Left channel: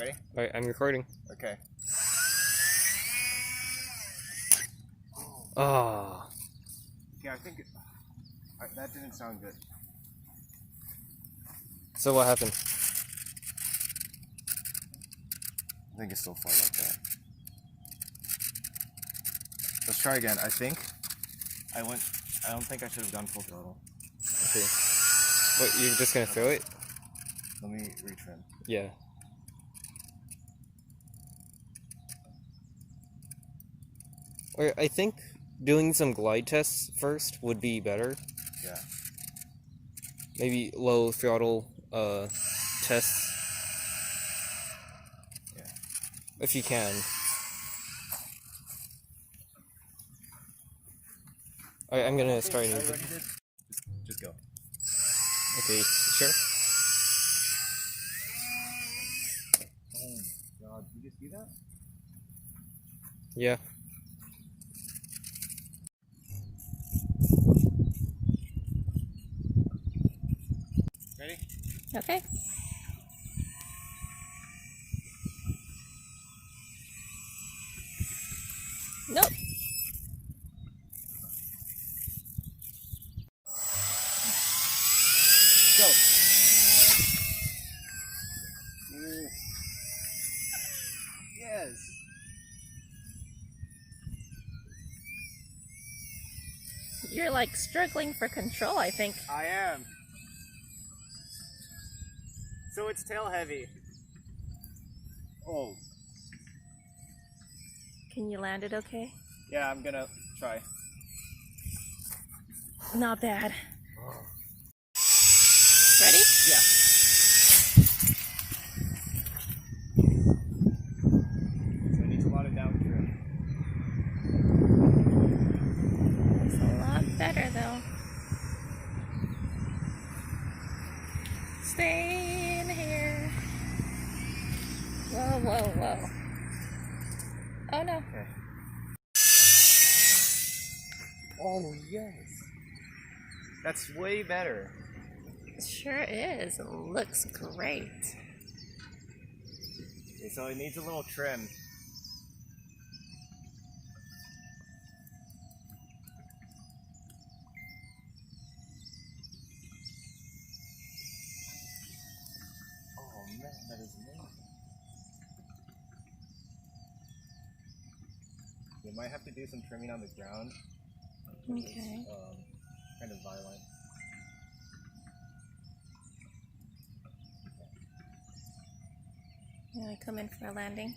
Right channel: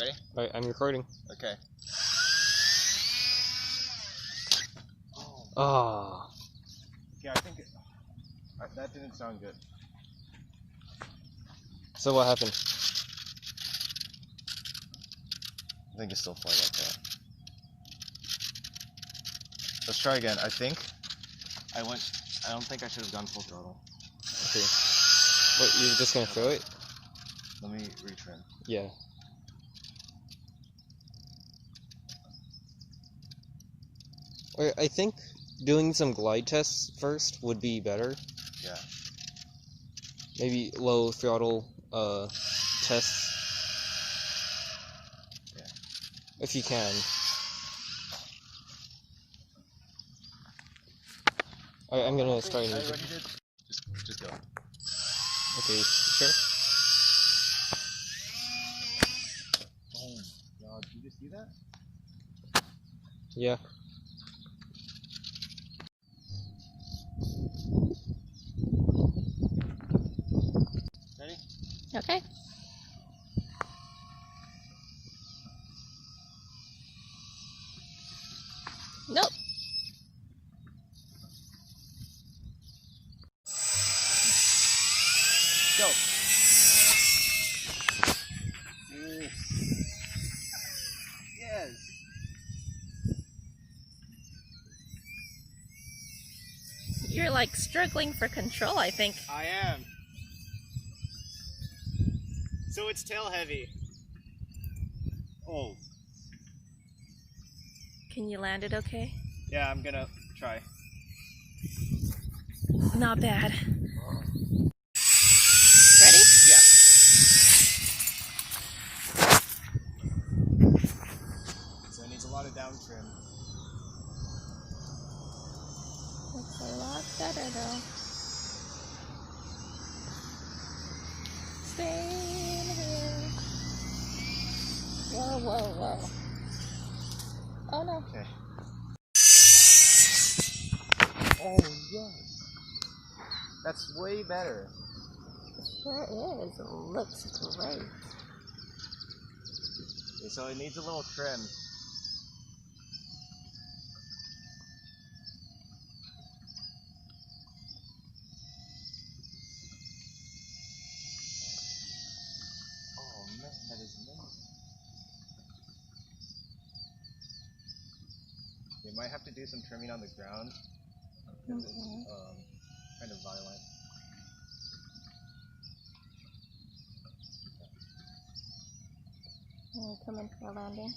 Ready? Alright, I'm recording. Okay. Oh. Yeah, I think that didn't sound good. So what happened? I think it's still flight like that. Let's try again. I don't think I should have gone full throttle. Okay. What, you're just gonna throw it? Let me retrim. Yeah. Or I think doing some glide tests first would be better. Yeah. Maybe low throttle tests. Yeah. If you can. Alright, I'm gonna start an engine. Just go. Okay, sure? Oh my god, did you just see that? Yeah. Ready? Okay. Nope. Go. Yes. You're like struggling for control, I think. I am. So it's tail heavy. Oh. Can you land it okay? Yeah, I'm gonna try. Not bad. Ready? Yeah. So it needs a lot of downtrim. It's a lot better though. Stay in here. Whoa, whoa, whoa. Oh no. Okay. Oh yes. That's way better. It sure is. It looks great. Okay, so it needs a little trim. Oh man, that is amazing. You might have to do some trimming on the ground. Okay. It's kind of violent. You want to come in for a landing?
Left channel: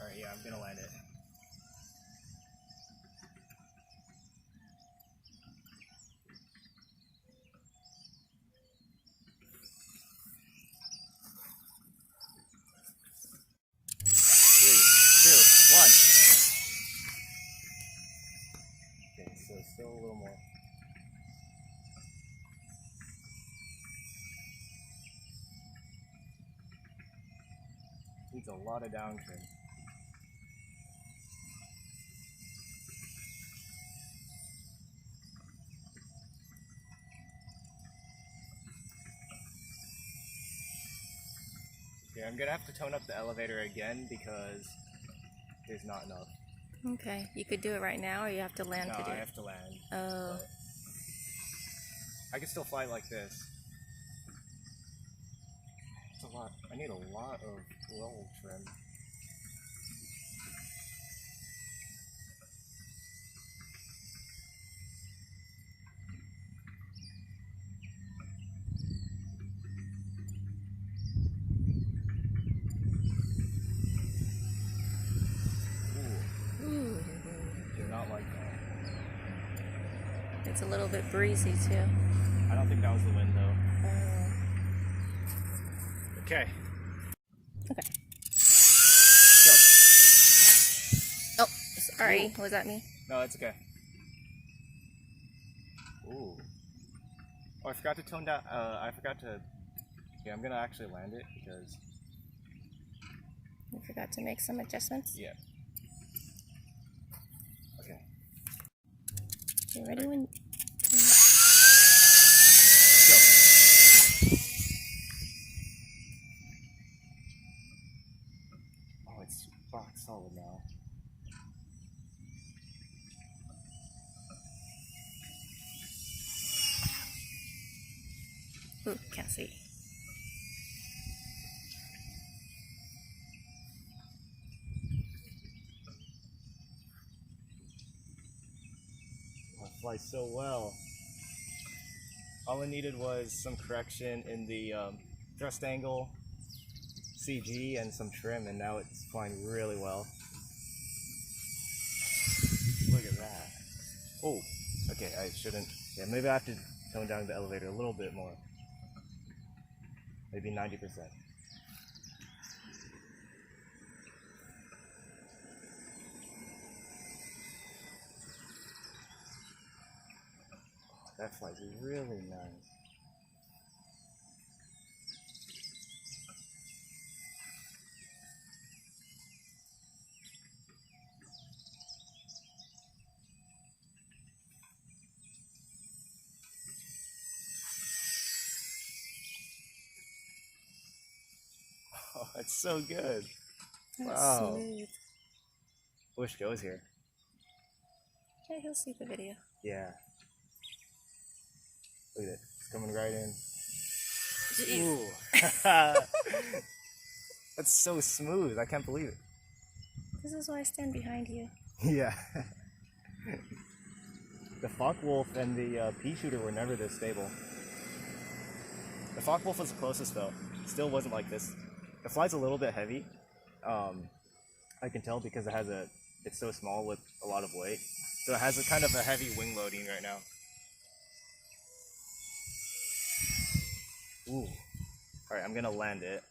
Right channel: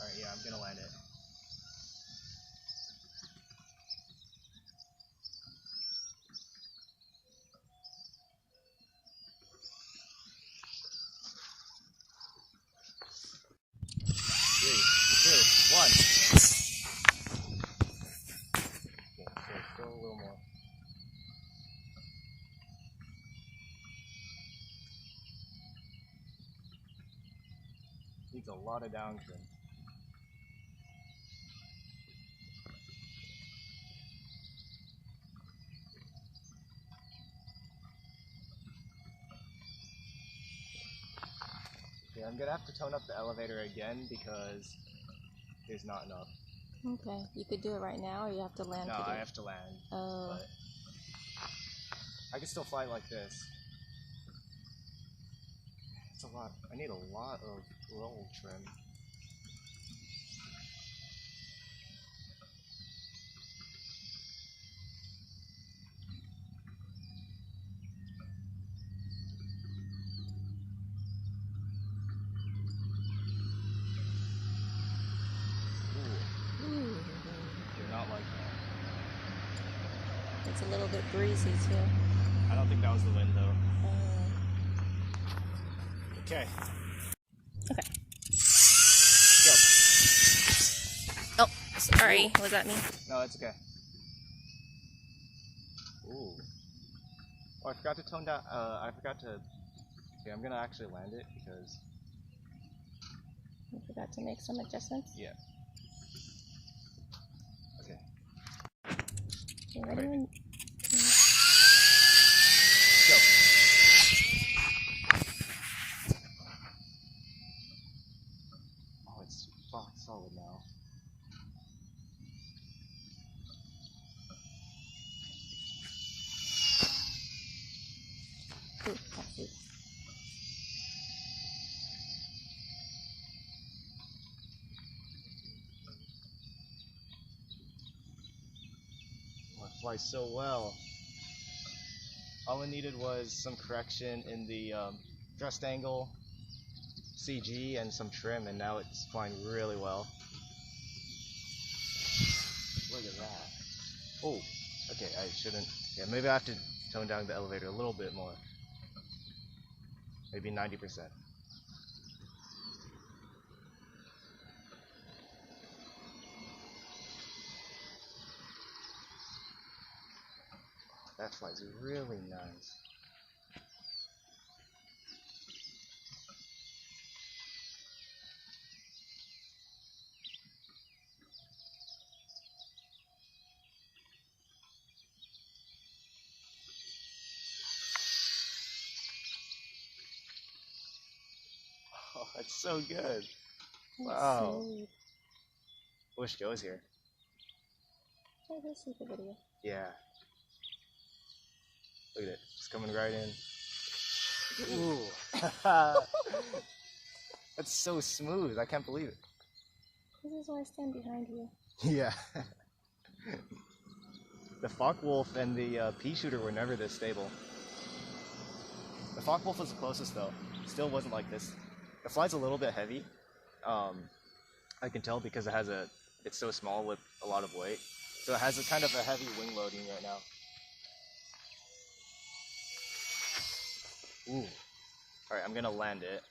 Alright, yeah, I'm gonna land it. Three, two, one. Okay, so still a little more. Needs a lot of down trim. Okay, I'm gonna have to tone up the elevator again because there's not enough. Okay. You could do it right now or you have to land No, to do I it? have to land. Oh. But I can still fly like this. It's a lot. I need a lot of roll trim. Ooh, Ooh. do not like that. It's a little bit breezy too. I don't think that was the wind though. Oh. Okay. Okay. Go. Oh, sorry. Was that me? No, that's okay. Ooh. Oh, I forgot to tone down. I forgot to. Okay, I'm gonna actually land it because. You forgot to make some adjustments? Yeah. Okay. You ready when? Go. solid now. Ooh, can't see. Oh, it flies so well. All I needed was some correction in the thrust angle, CG, and some trim, and now it's flying really well. Look at that. Oh, okay, I shouldn't. Yeah, maybe I have to tone down the elevator a little bit more. Maybe 90%. That flies really nice. Oh, that's so good. That's Wow. smooth. I wish Joe was here. Yeah, he'll see the video. Yeah. Look at it. It's coming right in. Jeez. Ooh. That's so smooth. I can't believe it. This is why I stand behind you. Yeah. The Focke-Wulf and the pea shooter were never this stable. The Focke-Wulf was the closest though. Still wasn't like this. It flies a little bit heavy. I can tell because it's so small with a lot of weight. So it has a kind of a heavy wing loading right now. Ooh. Alright, I'm gonna land it.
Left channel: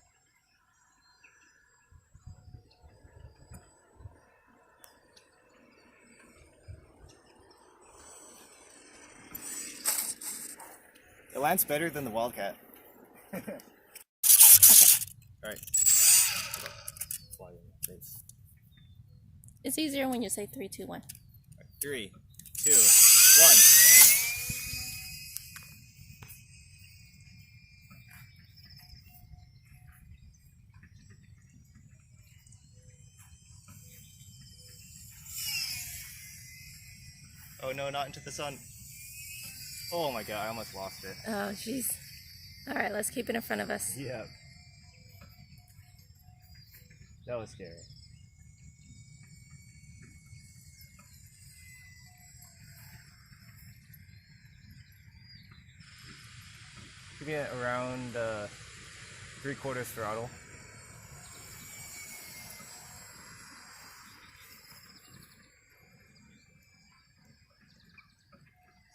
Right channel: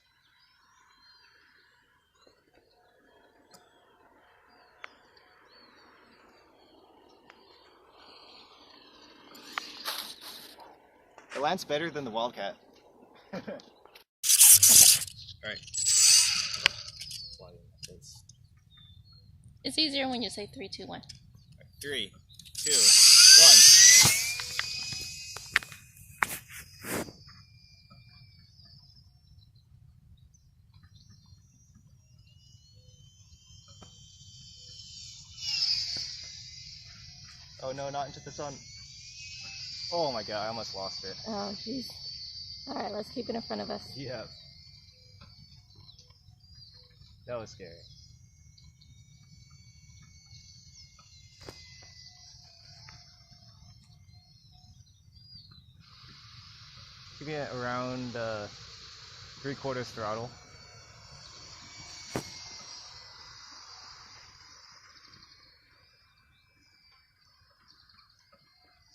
It lands better than the Wildcat. Okay. Alright. It's easier when you say 3, 2, 1. 3, 2, 1. Oh no, not into the sun. Oh my god, I almost lost it. Oh, jeez. All right, let's keep it in front of us. Yeah. That was scary. Should get around 3/4 throttle.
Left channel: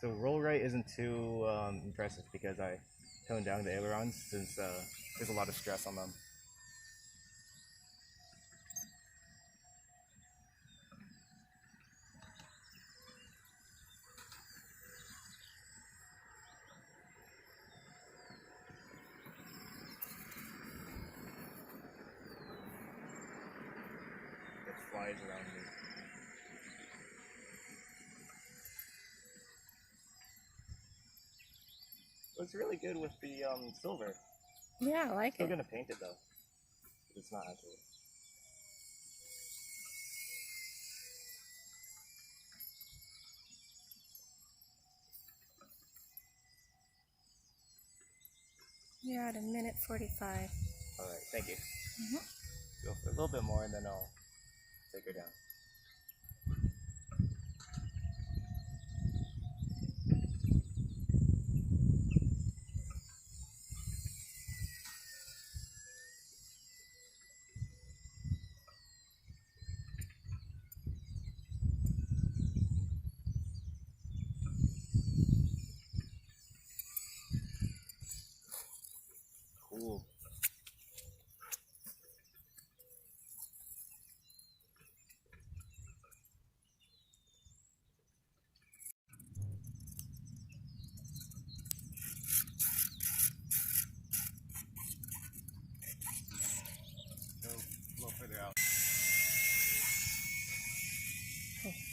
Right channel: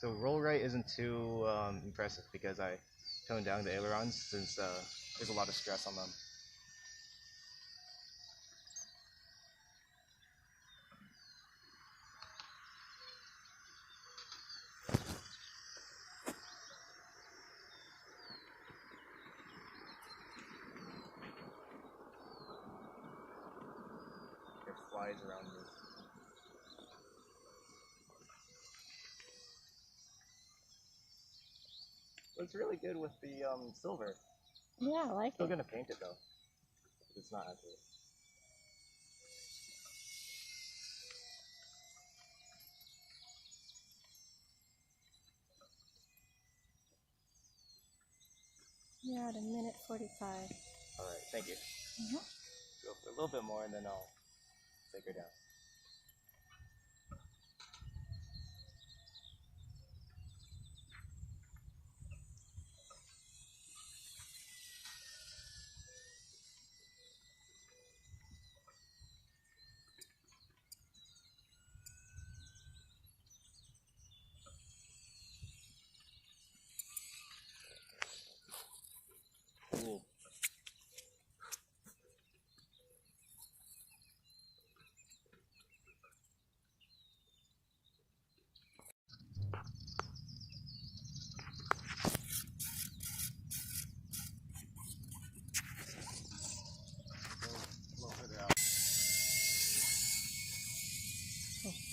So roll rate isn't too impressive because I toned down the ailerons since there's a lot of stress on them. It flies around me. It's really good with the silver. Yeah, I like Still it. gonna paint it though. It's not accurate. You're at 1:45. Alright, thank you. Mm-hmm. Go for a little bit more and then I'll take her down. Ooh. A little further out.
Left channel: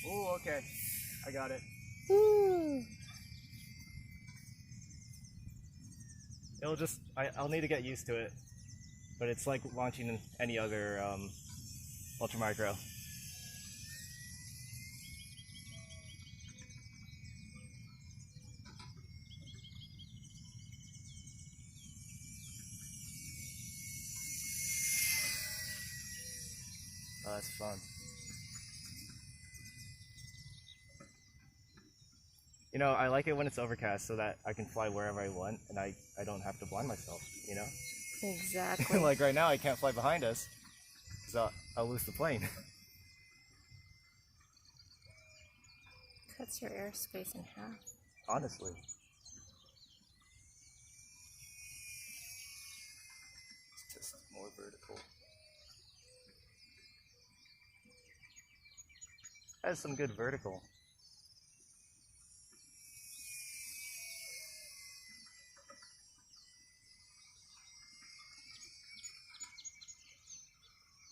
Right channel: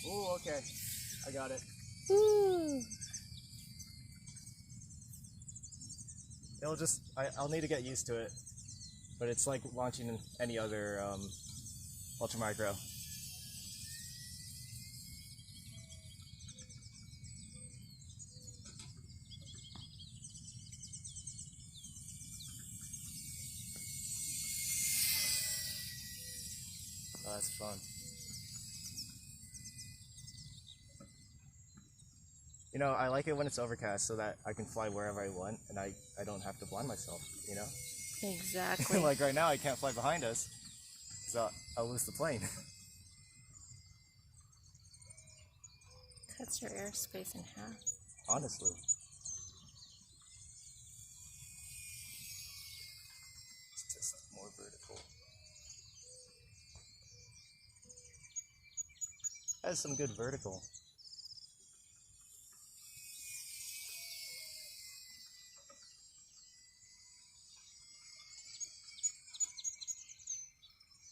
Oh, okay. I got it. Ooh. I'll need to get used to it. But it's like launching any other Ultra micro. Oh, that's fun. You know, I like it when it's overcast so that I can fly wherever I want and I don't have to blind myself, you know? Exactly. Like right now, I can't fly behind us because I'll lose the plane. Cuts your airspace in half. Honestly. It's just more vertical. Has some good vertical.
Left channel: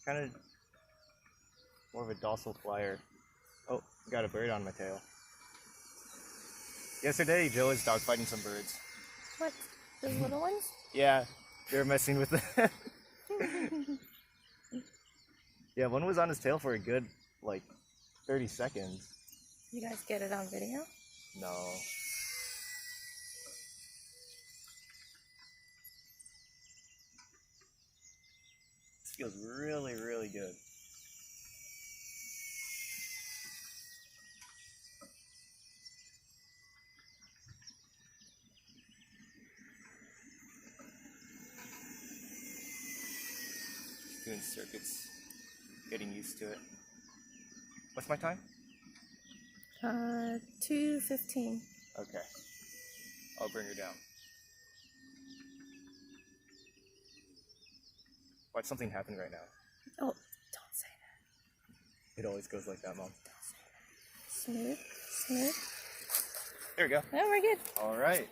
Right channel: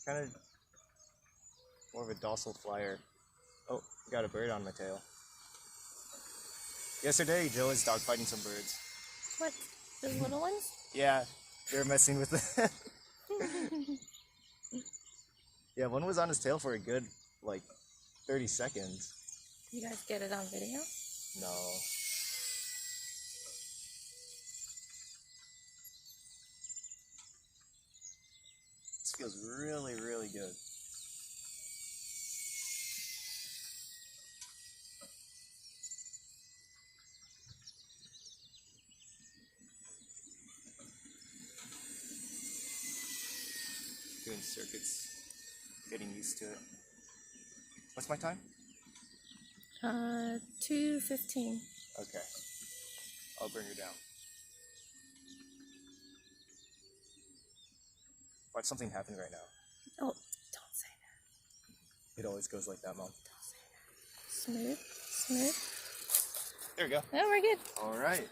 Kind of more of a docile flyer. Oh, got a bird on my tail. Yesterday, Joe was dogfighting some birds. What? The little ones? Yeah, they were messing with it. Yeah, one was on his tail for a good, like, 30 seconds. You guys get it on video? No. This feels really, really good. Doing circuits, getting used to it. What's my time? 2:15. Okay. I'll bring her down. Watch something happen right now. Oh, don't say that. It always goes like that, Mom. Don't say that. Smooth, smooth. There we go. Oh, we're good. All right.